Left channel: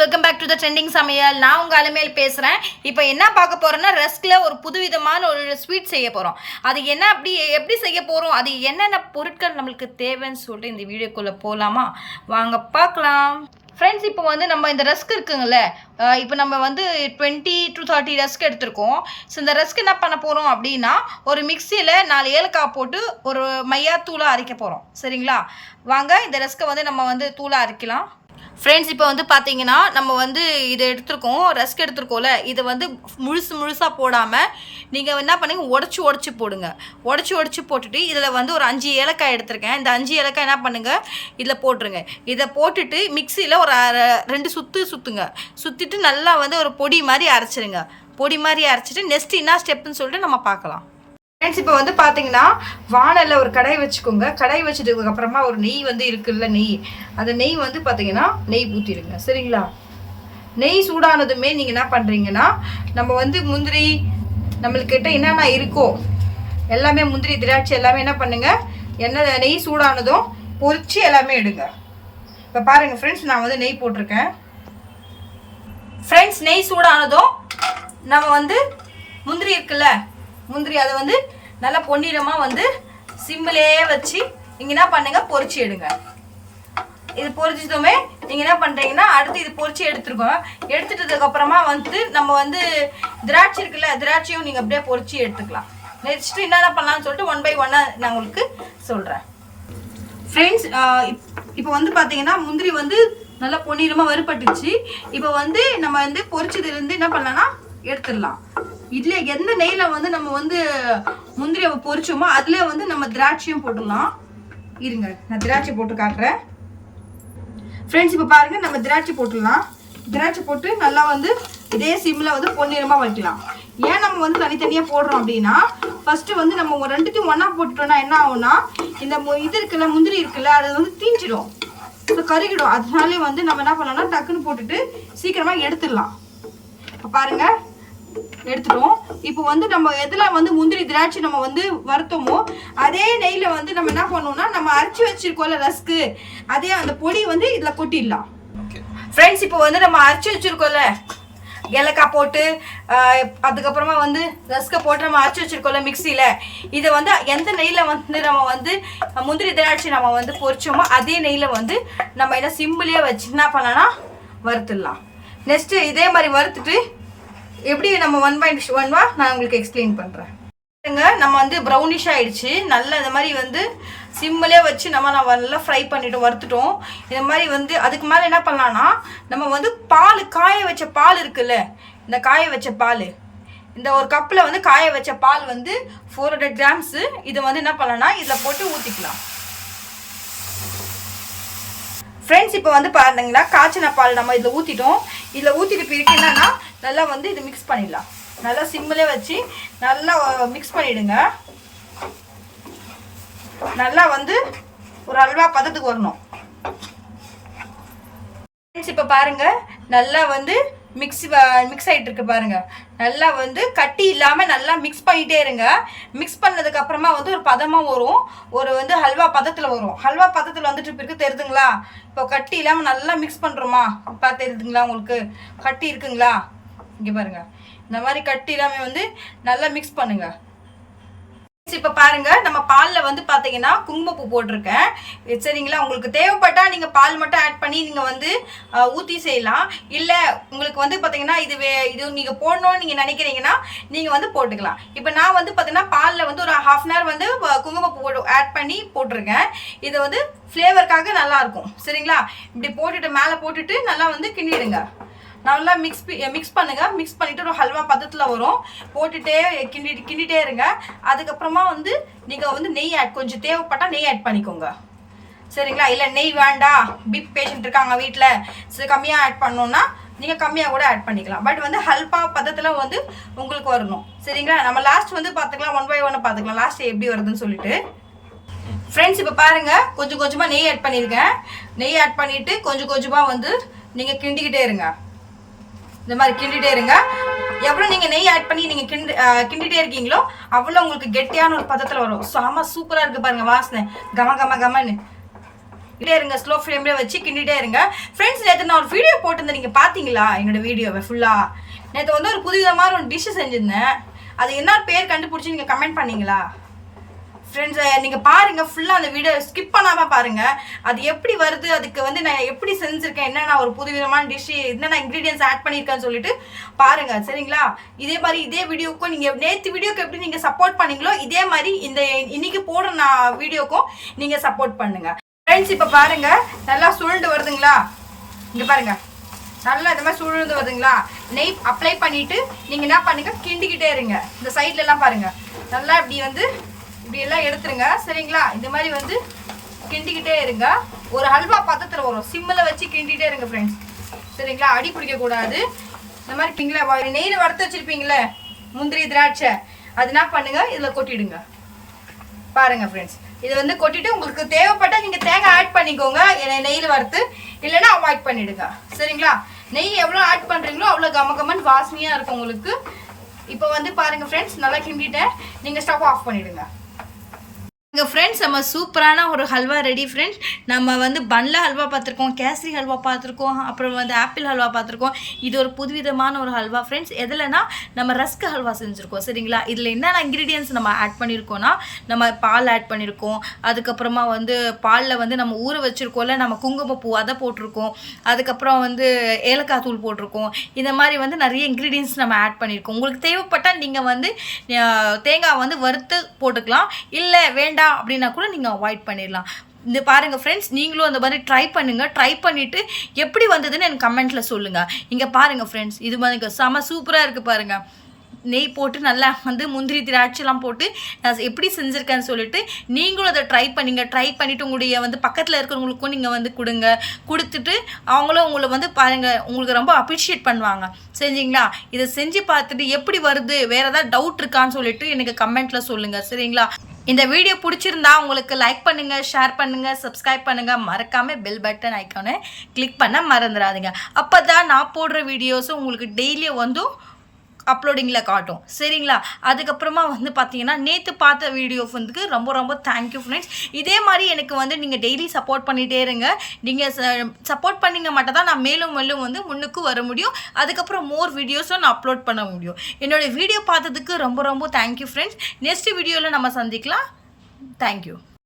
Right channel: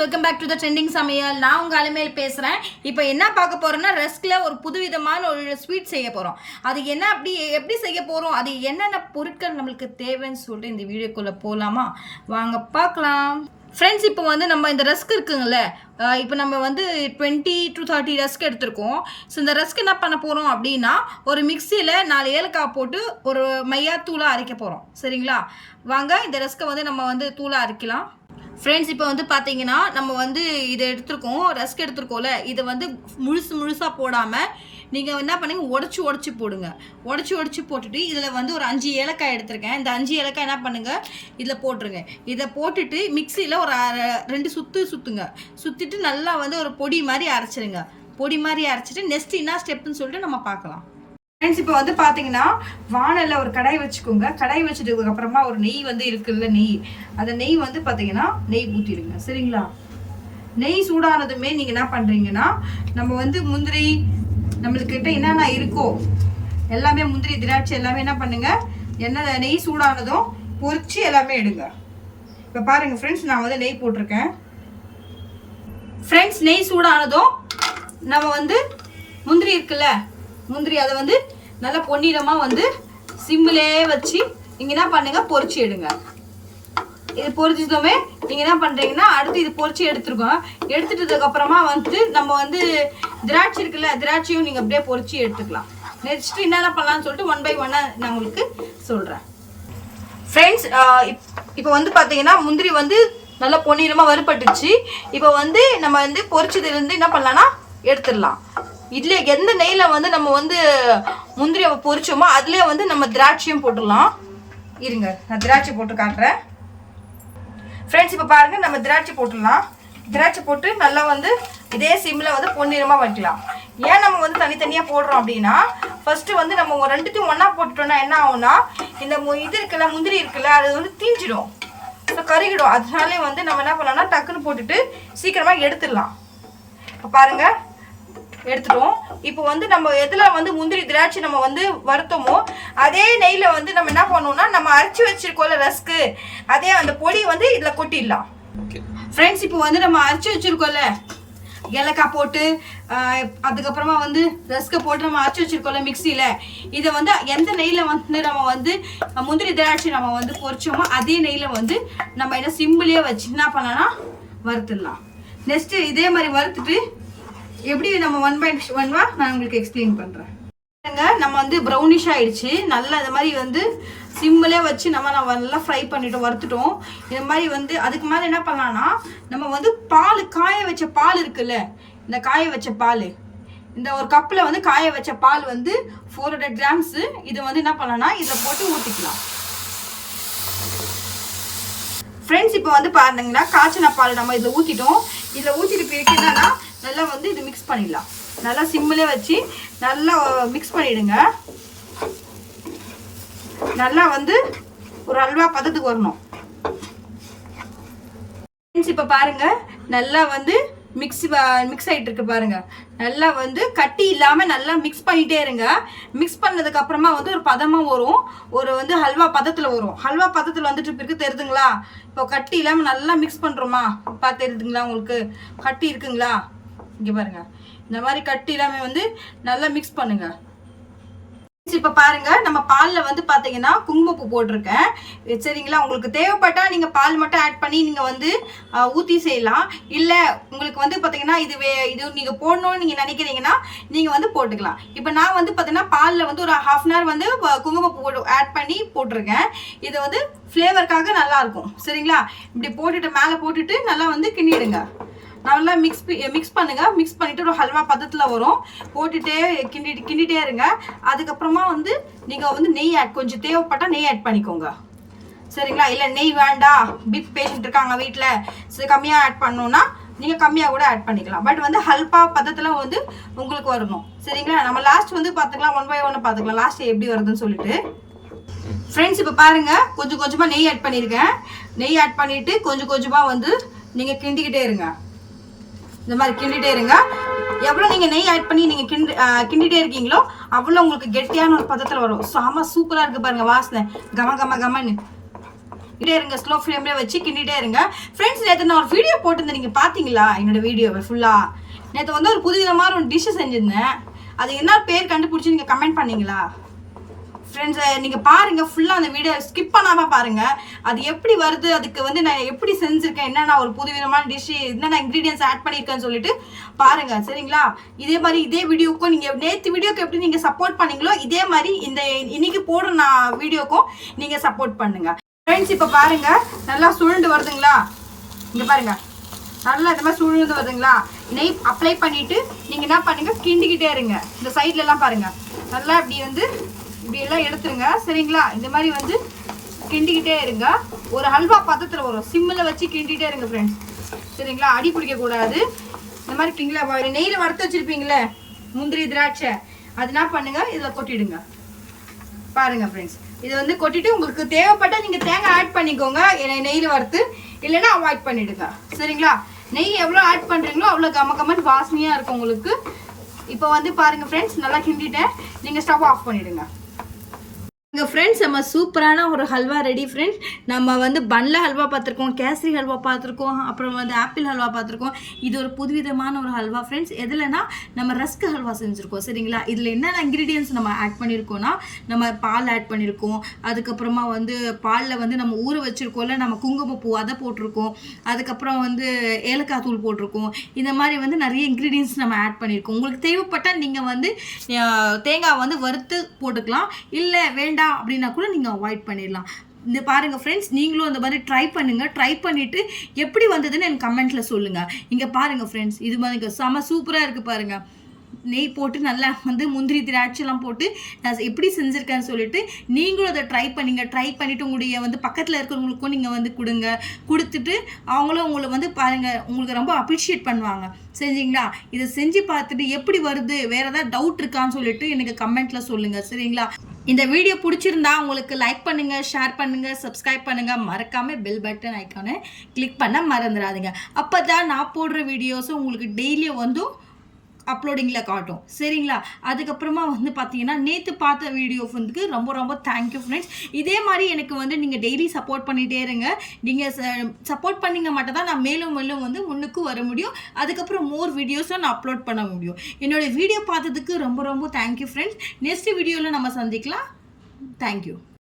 Welcome back to the trending சமையல். நான் உங்கள் அலமேல் பேசுகிறேன். இப்போ என்ன பார்க்க போகிறோன்னா, ரஸ்கில் ஒரு புதுவிதமான ஒரு ஸ்வீட் செய்ய போகிறோம். அது என்ன எப்படி செய்ய போகிறோம், அது என்னென்ன பொருட்கள் நம்மளுக்கு தேவைன்னு சொல்லிட்டு இந்த வீடியோக்குள்ளே போகலாமா? வாங்க பார்க்கலாம். ஃப்ரெண்ட்ஸ், இப்போ வந்து நம்ம இந்த ரஸ்க் இருக்குங்கள்ல, இப்போ நம்ம வந்து 20 to 30 ரஸ்க் எடுத்திருக்கோம். ஸோ இந்த ரஸ்க் என்ன பண்ண போகிறோம் அப்படின்னா, ஒரு மிக்சியில் 4 ஏலக்காய் போட்டு ஒரு மையா தூளாக அரைக்க போகிறோம். சரிங்களா? வாங்க இந்த ரஸ்க்கை வந்து நம்ம வந்து தூளாக அரைக்கலாம். ஃப்ரெண்ட்ஸ், இப்போ வந்து பார்த்தீங்கன்னா நம்ம வந்து இதை எடுத்துருக்கோம், ரஸ்க் எடுத்துருக்கோம்ல, இதை வந்து முழுசாக போடாமல் நீங்கள் என்ன பண்ணுங்க, உடச்சி போடுங்க. உடச்சி போட்டுட்டு இதில் வந்து ஒரு 5 ஏலக்காய் எடுத்திருக்கேன். இந்த 5 ஏலக்காய் என்ன பண்ணுங்கள், இதில் போட்டுருங்க. இதை போட்டுட்டு மிக்சியில் ஒரு 2 சுற்றுங்க. சுற்றிட்டு நல்லா வந்து ஒரு பொடி மாதிரி அரைச்சிருங்க. பொடி மாதிரி அரைச்சிட்டு நெக்ஸ்ட் என்ன ஸ்டெப்புன்னு சொல்லிட்டு நம்ம பார்க்கலாம். ஃப்ரெண்ட்ஸ், இப்போ வந்து பார்த்தீங்கன்னா வானலில் ஒரு கடாய் வச்சுக்கோங்க. கடாய் வச்சுட்டதுக்கப்புறமா ஒரு நெய் வந்து இருக்குல்ல, அந்த நெய் வந்து பார்த்தீங்கன்னா நெய் ஊற்றிடுங்க. சரிங்களா? நெய் சூடானதுமே நீங்கள் என்ன பண்ணுறீங்கன்னா, நம்ம வந்து முந்திரி நம்மளுக்கிட்ட என்னென்ன இருக்கோ எல்லாமே, முந்திரி திராட்சை எல்லாமே என்ன பண்ணுங்க, நெய் சூடானதும் பொரிச்சு எல்லாமே எடுங்க. இப்போ பாருங்கள் ஃப்ரெண்ட்ஸ், நான் வந்து நெய் போட்டிருக்கேன். ஃப்ரெண்ட்ஸ், நெய் சூடானதும் நம்ம வந்து முந்திரி இருக்குல்ல, முந்திரி அதை வந்து நல்லா பொன்னிறமாக வந்து சிம்மிலே வச்சு நீங்கள் என்ன பண்ணுங்க, பொரிச்சு எடுங்க. இது பொரிச்சதுமே நீங்கள் என்ன பண்ணுறீங்கன்னா, அடுத்து இது பொரிச்சு எடுத்துருக்கோம். எடுத்துட்டதுக்கப்புறமா வந்து நம்ம வந்து திராட்சை இருக்குல்ல, திராட்சையும் நீங்கள் அப்படியே பொரிச்சு எடுத்துக்கலாம். நெக்ஸ்ட்டு என்னென்ன பண்ணலான்னு சொல்லிட்டு 1 by 1 நான் உங்களுக்கு சொல்கிறேன். ஃப்ரெண்ட்ஸ், இப்போ வந்து பார்த்தீங்கன்னா முந்திரி வந்து நல்லா பொன்னிறமாக வறுபட்டுச்சு. இப்போ வந்து நம்ம வந்து பொரிச்சதுலேருந்து என்ன பண்ணலான்னா எடுத்துடலாம். இதில் எந்த நெய்யில் வந்து நம்ம வந்து முந்திரியை பொரிச்சோமோ அதுலேயே வந்து நம்ம திராட்சையும் போட்டுடலாம். இருங்க, நான் திராட்சை போட்டு காட்டுறேன். ஃப்ரெண்ட்ஸ், இப்போ பாருங்கள், நம்ம திராட்சை போட்டுடலாம். திராட்சை போட்டு நல்லா வந்து இதே சிம்மில் வந்து பொன்னிறமாக வைக்கலாம். ஏன் நம்ம வந்து தனித்தனியாக போடுறோம் அப்படின்னா, ஃபஸ்ட்டு வந்து நம்ம 2த்தையும் ஒன்றா போட்டுட்டோம்னா என்ன ஆகும்னா, இந்த இது இருக்குல்ல, முந்திரி இருக்குல்ல, அது வந்து தீஞ்சிடும், இப்போ கருகிடும். அதனாலே வந்து நம்ம என்ன பண்ணலாம்னா டக்குன்னு போட்டுட்டு சீக்கிரமாக எடுத்துடலாம். இப்போ பாருங்கள், எடுத்துட்டோம். இப்போ வந்து நம்ம எதில் வந்து முந்திரி திராட்சை நம்ம வந்து வறுத்தோமோ அதே நெய்யில் வந்து நம்ம என்ன பண்ணுவோம்னா, நம்ம அரைச்சி வச்சிருக்கோம்ல ரஸ்க்கு, அதே அந்த பொடி வந்து இதில் கொட்டிடலாம். ஃப்ரெண்ட்ஸ், இப்போ வந்து நம்ம அரைச்சி வச்சிருக்கோம்ல, ஏலக்காய் போட்டு அதுக்கப்புறமா வந்து ரஸ்க்கை போட்டு நம்ம அரைச்சி வச்சிருக்கோம்ல மிக்சியில், இதை வந்து எந்த நெய்யில் வந்து நம்ம வந்து முந்திரி திராட்சை நம்ம வந்து பொரிச்சோமோ அதே நெய்யில் வந்து நம்ம என்ன சிம்பிளே வச்சு என்ன பண்ணலாம்னா வறுத்துடலாம். நெக்ஸ்ட்டு இதே மாதிரி வறுத்துட்டு எப்படி நம்ம 1 by 1 நான் உங்களுக்கு எக்ஸ்பிளைன் பண்ணுறேன். நம்ம வந்து ப்ரௌனிஷ் ஆகிடுச்சு. நல்லா இந்த மாதிரி வந்து சிம்மிலே வச்சு நான் நல்லா ஃப்ரை பண்ணிவிட்டு வறுத்துட்டோம். இந்த மாதிரி வந்து அதுக்கு மேலே என்ன பண்ணலான்னா, நம்ம வந்து பால், காய வச்ச பால் இருக்குல்ல, இந்த காய வச்ச பால், இந்த ஒரு கப்பில் வந்து காய வச்ச பால் வந்து 400 grams. இதை வந்து என்ன பண்ணலான்னா இதில் போட்டு ஊற்றிக்கலாம். ஃப்ரெண்ட்ஸ், இப்போ வந்து பாருங்கன்னா காய்ச்சின பால் நம்ம இதில் ஊற்றிட்டோம். இதில் ஊற்றிட்டு பிறகு என்னன்னா நல்லா வந்து இது மிக்ஸ் பண்ணிடலாம். நல்லா சிம்மிலே வச்சு நல்லா மிக்ஸ் பண்ணிவிடுங்க. நல்லா வந்து ஒரு அல்வா பதத்துக்கு வரணும். இப்போ பாருங்கள், நல்லா வந்து மிக்ஸ் ஆகிட்டு இருக்கு பாருங்க. நல்லா வந்து கட்டி இல்லாமல் நல்லா மிக்ஸ் பண்ணிகிட்டே இருங்க. மிக்ஸ் பண்ணதுக்கு அப்புறமா வந்து ஒரு பதமாக வரும், ஒரு வந்து ஹல்வா பதத்தில் வரும். ஹல்வா பதத்தில் வந்துட்டு பிறகு தெரியுதுங்களா, இப்போ கட்டி இல்லாமல் நல்லா மிக்ஸ் பண்ணுறோமா, பார்த்து தெரியுதுங்களா உங்களுக்கு, கட்டி இருக்குங்களா, இங்கே பாருங்க, இந்த மாதிரி கட்டி இல்லாமல் வந்து நல்லா மிக்ஸ் பண்ணுங்க. இப்போ பாருங்க, நம்ம பாலில் வந்து பார்த்தீங்கன்னா குங்குமப்பூ போட்டிருக்கேன். சரிங்களா? உங்களுக்கு தேவைப்பட்டா நீங்கள் பால் மட்டும் ஆட் பண்ணி நீங்கள் வந்து ஊற்றி செய்யலாம். இல்லை உங்களுக்கு வந்து பார்த்தீங்கன்னா இது நீங்கள் போடணும்னு நீங்கள் நினைக்கிறீங்கன்னா நீங்கள் வந்து போட்டுக்கலாம். இப்போ நான் வந்து பார்த்தீங்கன்னா பாலில் வந்து ஒரு 1/2 hour வந்து குங்குமப்பூ ஆட் பண்ணி போட்டிருக்கேன். இதை வந்து ஃப்ளேவருக்காக நல்லாயிருக்கும். சரிங்களா? இப்படி போட்டுட்டு மேலே போட்டுட்டு நல்லா வந்து கிண்டிடுங்க. நல்லா மிக்ஸ் பண்ணுங்கள். மிக்ஸ் பண்ணிவிட்டு ஒரு ஹல்வா பதத்தில் வரும். போட்டுகிட்டே கிண்டிகிட்டே இருங்க. அதுக்கப்புறமா வந்து நீங்கள் வந்து நெய் கொஞ்சம் தேவைப்பட்டால் நெய் ஆட் பண்ணிக்கோங்க. சரிங்களா? இல்லை நெய் வேண்டாம், பிக் பேஷண்ட் இருக்காங்க வீட்டில், சரி கம்மியாக ஆட் பண்ணோன்னா நீங்கள் கம்மியாக கூட ஆட் பண்ணிக்கலாம். பட் வந்து ஹல்வா பதத்தில் வந்து உங்களுக்கு வரணும். சரிங்களா? நம்ம லாஸ்ட் வந்து பார்த்துக்கலாம், 1 by 1 பார்த்துக்கலாம் லாஸ்ட் எப்படி வருதுன்னு சொல்லிட்டு. ஃப்ரெண்ட்ஸ், இப்போ பாருங்கள், கொஞ்சம் கொஞ்சமாக நெய் ஆட் பண்ணியிருக்கேன். நெய் ஆட் பண்ணிவிட்டு கொஞ்சம் கொஞ்சமாக வந்து நீங்கள் கிண்டிக்கிட்டே இருங்க. இந்த மாதிரி கிண்டிகிட்டே இருங்க. எவ்வளோ நீங்கள் நெய் ஆட் பண்ணி நீங்கள் கிண்டிகிட்டே இருக்கீங்களோ அவ்வளோ உங்களுக்கு கெட்டியான ஒரு பதத்தில் வரும். செம சூப்பராக இருக்குது பாருங்கள், வாசனை கமன்னு. இருங்க, ஸ்லோ ஃப்ளேம்ல வச்சு கிண்டிட்டே இருங்க ஃப்ரெண்ட்ஸ். நேற்று நான் ஒரு வீடியோ போட்டிருந்தேன், நீங்கள் பார்த்தீங்களா என்னோட வீடியோவை ஃபுல்லாக? நேற்று வந்து ஒரு புதுவிதமான ஒரு டிஷ்ஷு செஞ்சுருந்தேன். அது என்ன பேர் கண்டுபிடிச்சி நீங்கள் கமெண்ட் பண்ணீங்களா ஃப்ரெண்ட்ஸ்? நீங்கள் பாருங்கள் ஃபுல்லாக அந்த வீடியோ ஸ்கிப் பண்ணாமல் பாருங்கள். அது எப்படி வருது, அதுக்கு வந்து நான் எப்படி செஞ்சுருக்கேன், என்னென்ன ஒரு புதுவிதமான டிஷ்ஷு, என்னென்ன இன்க்ரீடியன்ஸ் ஆட் பண்ணியிருக்கேன்னு சொல்லிட்டு பாருங்கள் சரிங்களா? இதே மாதிரி இதே வீடியோக்கும் நீங்கள் நேற்று வீடியோக்கு எப்படி நீங்கள் சப்போர்ட் பண்ணீங்களோ இதே மாதிரி இந்த இன்னைக்கு போடுற நான் வீடியோக்கும் நீங்கள் சப்போர்ட் பண்ணுங்கள் ஃப்ரெண்ட்ஸ். இப்போ பாருங்கள் நல்லா சுருண்டு வருதுங்களா? இங்கே பாருங்கள் நல்லா இந்த மாதிரி சுருண்டு வருதுங்களா? நெய் அப்ளை பண்ணிவிட்டு நீங்கள் என்ன பண்ணுங்கள், கிண்டிக்கிட்டே இருங்க. இந்த சைட்லலாம் பாருங்கள் நல்லா இப்படி வந்து இப்படி எல்லாம் எடுத்துருங்க சரிங்களா? இந்த மாதிரி வந்து கிண்டிக்கிட்டே இருங்க. ஒரு ஹல்வா பாத்திரத்தில் வரும், சிம்மில் வச்சு கிண்டிகிட்டே இருங்க ஃப்ரெண்ட்ஸ் சரிங்களா? அடி பிடிக்கக்கூடாது. இந்த மாதிரி கிண்டிங்களா நெய்யில் வறுத்து வச்சுருப்பீங்களே முந்திரி திராட்சை, அது என்ன பண்ணுங்கள் இதில் கொட்டிடுங்க. பாருங்கள் ஃப்ரெண்ட்ஸ், இதை வந்து கொட்டிட்டு உங்களுக்கு தேவைப்பட்டால் நீங்கள் தேங்காய் ஆட் பண்ணிக்கோங்க நெய்யில் வறுத்து, இல்லைன்னா அவாய்ட் பண்ணிவிடுங்க சரிங்களா? நெய் எவ்வளோ ஆட் பண்ணுறீங்களோ அவ்வளோ கமகமன் வாசனையாக இருக்கும் உங்களுக்கு. இப்போ வந்து பாருங்கள் ஃப்ரெண்ட்ஸ் நல்லா கிண்டிட்டேன், நீங்கள் ஸ்டவ் ஆஃப் பண்ணிவிடுங்க. இங்கே ஃப்ரெண்ட்ஸ் நம்ம சூப்பரான ஒரு ஹல்வா ரெடி ஃப்ரெண்ட்ஸ். நம்ம வந்து பன்ல ஹல்வா பார்த்துருக்கோம், கேசரி ஹல்வா பார்த்துருக்கோம், அப்புறம் வந்து ஆப்பிள் ஹல்வா பார்த்துருக்கோம். இது ஒரு புதுவிதமான ஒரு ஹல்வா ஃப்ரெண்ட்ஸ். எதுலனா நம்ம ரஸ்க் ஹல்வா செஞ்சுருக்கோம் சரிங்களா? இதில் என்னென்ன இன்க்ரீடியன்ஸ் நம்ம ஆட் பண்ணியிருக்கோன்னா, நம்ம பால் ஆட் பண்ணியிருக்கோம், அதுக்கப்புறமா வந்து பாலில் வந்து நம்ம ஊற வச்சுருக்கோம்ல நம்ம குங்குமப்பூ அதை போட்டிருக்கோம், அதுக்கப்புறம் வந்து ஏலக்காய் தூள் போட்டிருக்கோம். இந்த மாதிரி வந்து நிறைய இன்க்ரீடியன்ஸ் நம்ம ஆட் பண்ணியிருக்கோம். உங்களுக்கு தேவைப்பட்டால் நீங்கள் வந்து தேங்காய் வந்து வறுத்து போட்டுக்கலாம், இல்லை வேண்டாம் அப்படின்னா கூட நீங்கள் அவாய்ட் பண்ணிடலாம். இந்த பாருங்கள் ஃப்ரெண்ட்ஸ், நீங்களும் அந்த மாதிரி ட்ரை பண்ணுங்கள். ட்ரை பண்ணிவிட்டு எப்படி வந்ததுன்னு எனக்கு கமெண்ட்டில் சொல்லுங்கள். இங்கே பாருங்கள் ஃப்ரெண்ட்ஸ், இது மாதிரி செம சூப்பராக இருக்குது பாருங்கள். நெய் போட்டு நல்லா வந்து முந்திரி திராட்சைலாம் போட்டு நான் எப்படி செஞ்சுருக்கேன்னு சொல்லிட்டு நீங்களும் அதை ட்ரை பண்ணிவிட்டு உங்களுடைய வந்து பக்கத்தில் இருக்கிறவங்களுக்கும் நீங்கள் வந்து கொடுத்துட்டு அவங்களும் உங்களை வந்து பாருங்கள் உங்களுக்கு ரொம்ப அப்ரிஷியேட் பண்ணுவாங்க சரிங்களா? இதை செஞ்சு பார்த்துட்டு எப்படி வருது, வேறு ஏதாவது டவுட் இருக்கான்னு சொல்லிட்டு எனக்கு கமெண்ட்டில் சொல்லுங்கள் சரிங்களா? இந்த வீடியோ பிடிச்சிருந்தா உங்களுக்கு லைக் பண்ணுங்கள், ஷேர் பண்ணுங்கள், சப்ஸ்கிரைப் பண்ணுங்கள், மறக்காமல் பெல் பட்டன் ஐக்கானை கிளிக் பண்ண மறந்துடாதீங்க. அப்போ தான் நான் போடுற வீடியோஸும் உங்களுக்கு டெய்லியும் வந்து அப்லோடிங்கில் காட்டும் சரிங்களா? அதுக்கப்புறமா வந்து பார்த்தீங்கன்னா நேற்று பார்த்த வீடியோ வந்து ரொம்ப ரொம்ப தேங்க்யூ ஃப்ரெண்ட்ஸ். இதே மாதிரி எனக்கு வந்து நீங்கள் டெய்லி சப்போர்ட் பண்ணிகிட்டே இருங்க. நீங்கள் சப்போர்ட் பண்ணிங்க மட்டும் தான் நான் மேலும் மேலும் வந்து முன்னுக்கு வர முடியும். அதுக்கப்புறம் மோர் வீடியோஸும் நான் அப்லோட் பண்ண முடியும். என்னுடைய வீடியோ பார்த்ததுக்கு ரொம்ப ரொம்ப தேங்க்யூ ஃப்ரெண்ட்ஸ். நெக்ஸ்ட் வீடியோவில் நம்ம சந்திக்கலாம். தேங்க்யூ.